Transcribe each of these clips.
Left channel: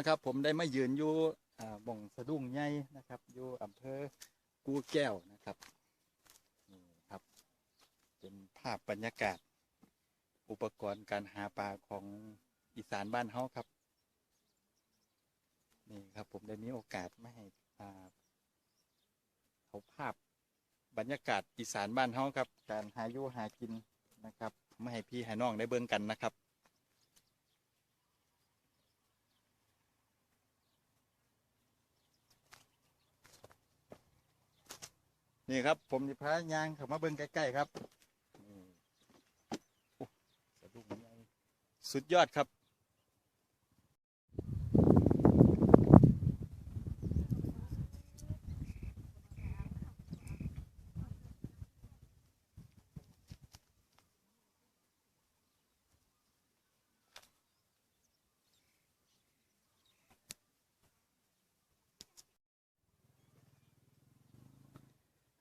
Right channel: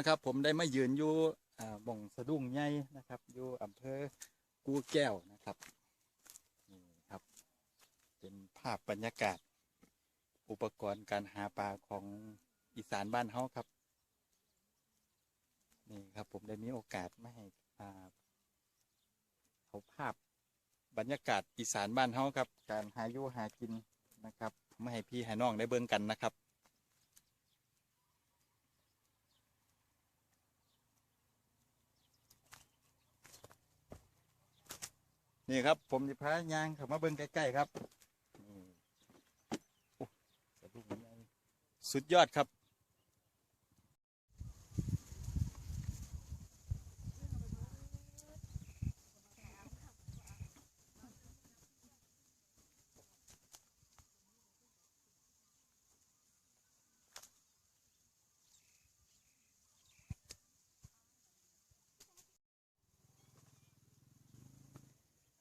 นะครับ ผมได้มายืนอยู่บ่งสะดุ้งใหญ่นะครับอยู่อำเภอกูแก้วนะครับนี่ครับเป็นภาพบรรยากาศ อุปกรณ์การหาปลาของอีสานบ้านเฮาครับนี่ครับผมได้มีโอกาสมาให้เอาภาพบรรยากาศอีสานบ้านเฮาครับ การหาอยู่หากินนะครับมาให้พี่ให้น้องได้เบิ่งกันนะครับ นี่ครับ ผมจะพายางเข้ามาเบิ้งใกล้ๆครับนี่สะดุ้งใหญ่สุดยอดครับ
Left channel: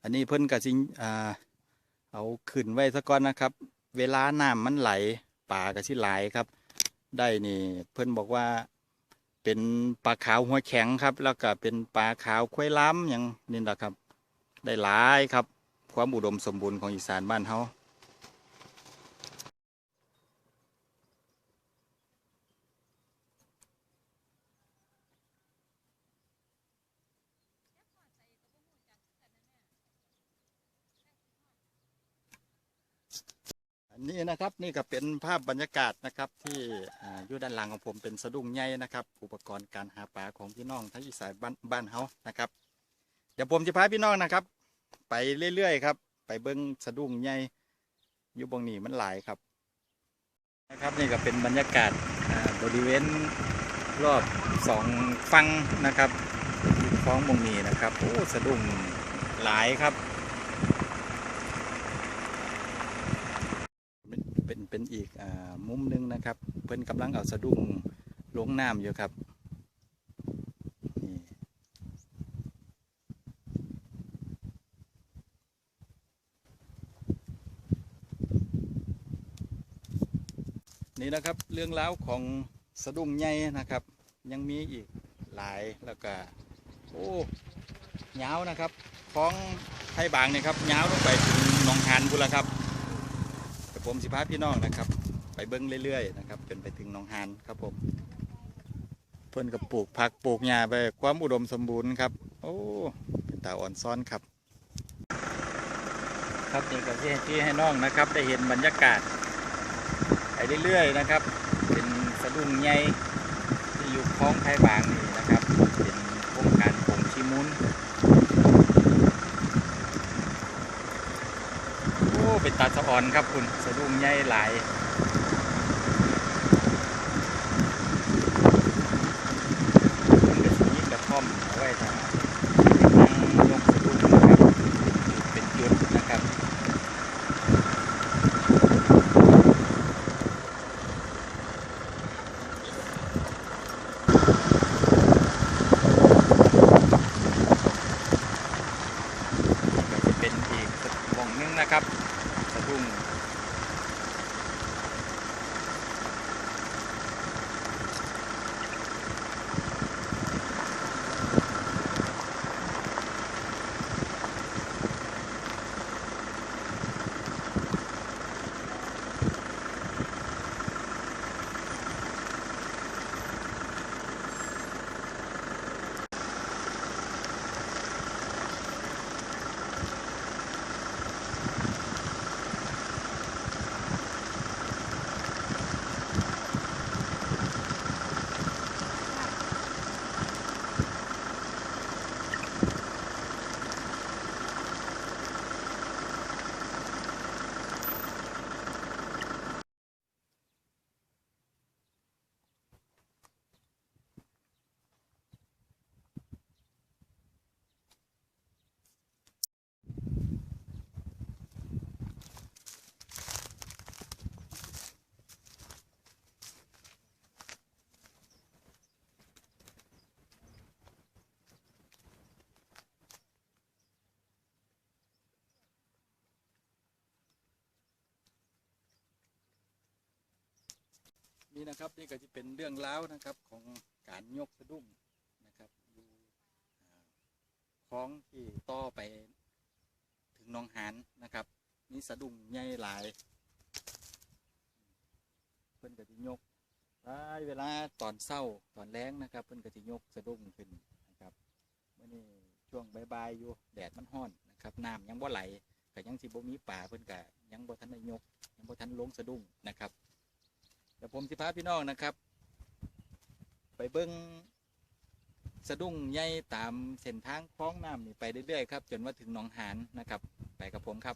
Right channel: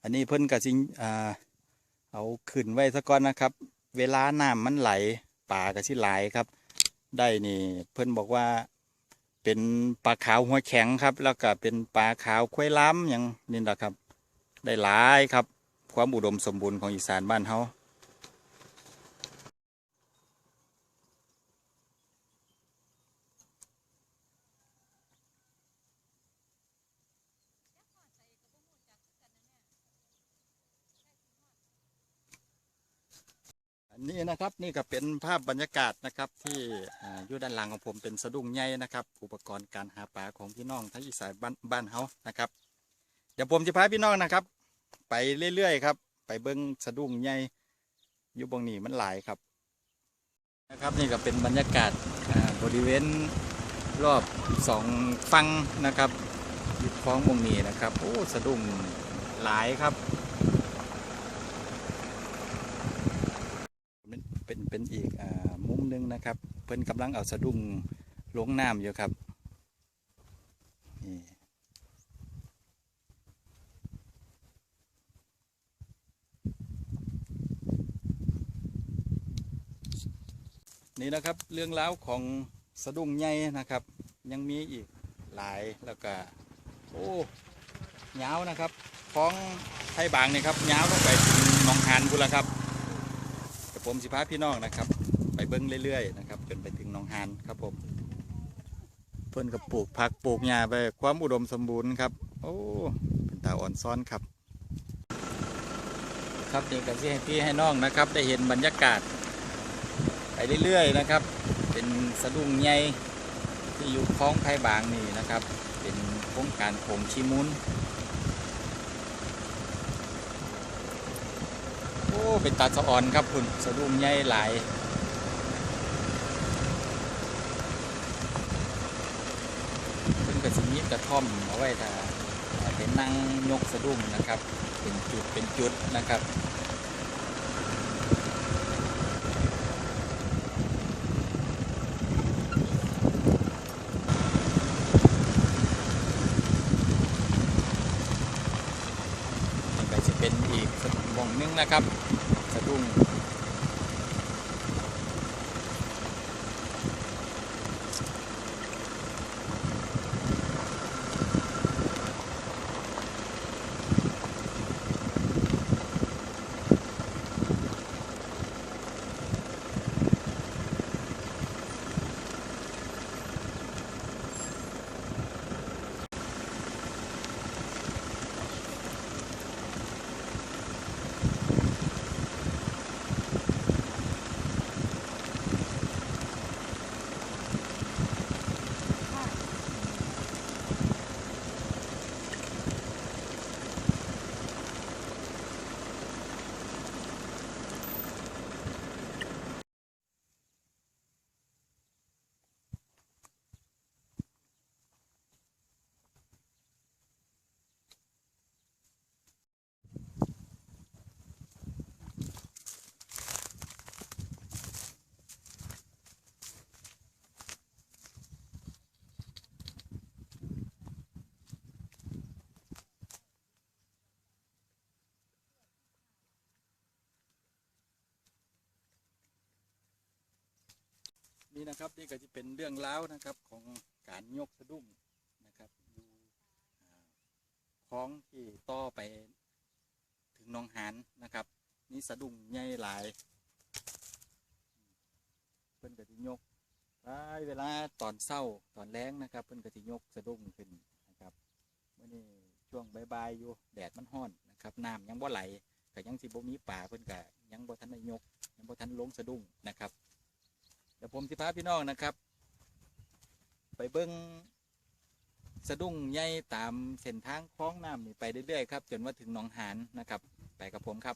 อันนี้เพิ่นกะสิอ่าเอาขึ้นไว้สักก่อนนะครับ เวลาน้ำมันไหลป่ากะสิหลครับ ได้นี่เพิ่นบอกว่า เป็นปลาขาวหัวแข็งครับ แล้วก็เป็นปลาขาวควายล้ำอย่างนี่แหละครับ ได้หลายครับ ความอุดมสมบูรณ์ของอีสานบ้านเฮา นนี้นะครับนี่ก็เป็นภาพบรรยากาศนะครับที่ออยู่ด้านหลังของผมเป็นสะดุ้งใหญ่นะครับ อุปกรณ์การหาปลาของพี่น้องทั้งอีสานบ้านบ้านเฮานะครับ เดี๋ยวผมจะพาพี่น้องนะครับ ไปเรื่อยๆครับ ไปเบิ้งสะดุ้งใหญ่อยู่บงนี้มันหลายครับนะครับนี่ก็เป็นบรรยากาศบริเวณรอบสองฟังนะครับอยู่คลองบงนี้นะครับโอ้สะดุ้งหลายครับ เป็นอีกอมุมหนึงนะครับ เพิ่นกำลังเอาสะดุ้งลงน้ำอยู่ครับนี่นะครับเรื่องราวของสะดุ้งใหญ่นะครับ ยังมีอีกหลายแล้วก็โอ้ยาวนะครับ ของไทยบางนี่ครับยาวลงไปถึงหนองหานพุนละครับับผมสิพาพี่น้องนะครับ ไปเบิ้งเรื่อยๆนะครับจนไปถึงหนองหานครับผมเพิ่อนกับปลูกผักปลูกหญ้าไปความอุดมสมบูรณ์ครับ โอ้เป็นตาอ่อนซ้อนครับ ครับนี่ก็ที่ให้พี่ให้น้องนะครับ ได้เห็นบรรยากาศไปเรื่อยๆนะครับ เป็นสะดุ้งใหญ่ที่อยู่คลองไทยบางนี่นะครับ เป็นโครงการโป่งชิมุน โอ้ เป็นตาสะออนครับคุณสะดุ้งใหญ่หลายเป็นกระสีกระท่อมเอาไว้ถ้านั่งยกสะดุ้งนะครับเป็นจุดเป็นจุดนะครับ็จะเป็นอีกวงหนึงนะครับ สะดุ้ง นี่นะครับนี่ก็จะเป็นเรื่องรานะครับของการยกสะดุ้งนะครับอยู่คลองที่ต่อไปถึงหนองหานนะครับ นี่สะดุ้งใหญ่หลาย เพิ่นก็สิยกหลายเวลาตอนเศร้าตอนแรงนะครับ เพิ่นก็สิยกสะดุ้งขึ้นนะครับเมื่อนี้ช่วงบ่ายๆอยู่แดดมันร้อนนะครับน้ำยังบ่ไหลก็ยังสิบ่มีป่าเพิ่นก็ยังบ่ทันได้ยกยังบ่ทันลงสะดุ้งนะครับ เดี๋ยวผมจะพาพี่น้องนะครับ ไปเบิ้งสะดุ้งใหญ่ตามเส้นทางคลองน้ำนี่ไปเรื่อยๆครับ จนว่าถึงหนองหานนะครับ ไปกับผมครับ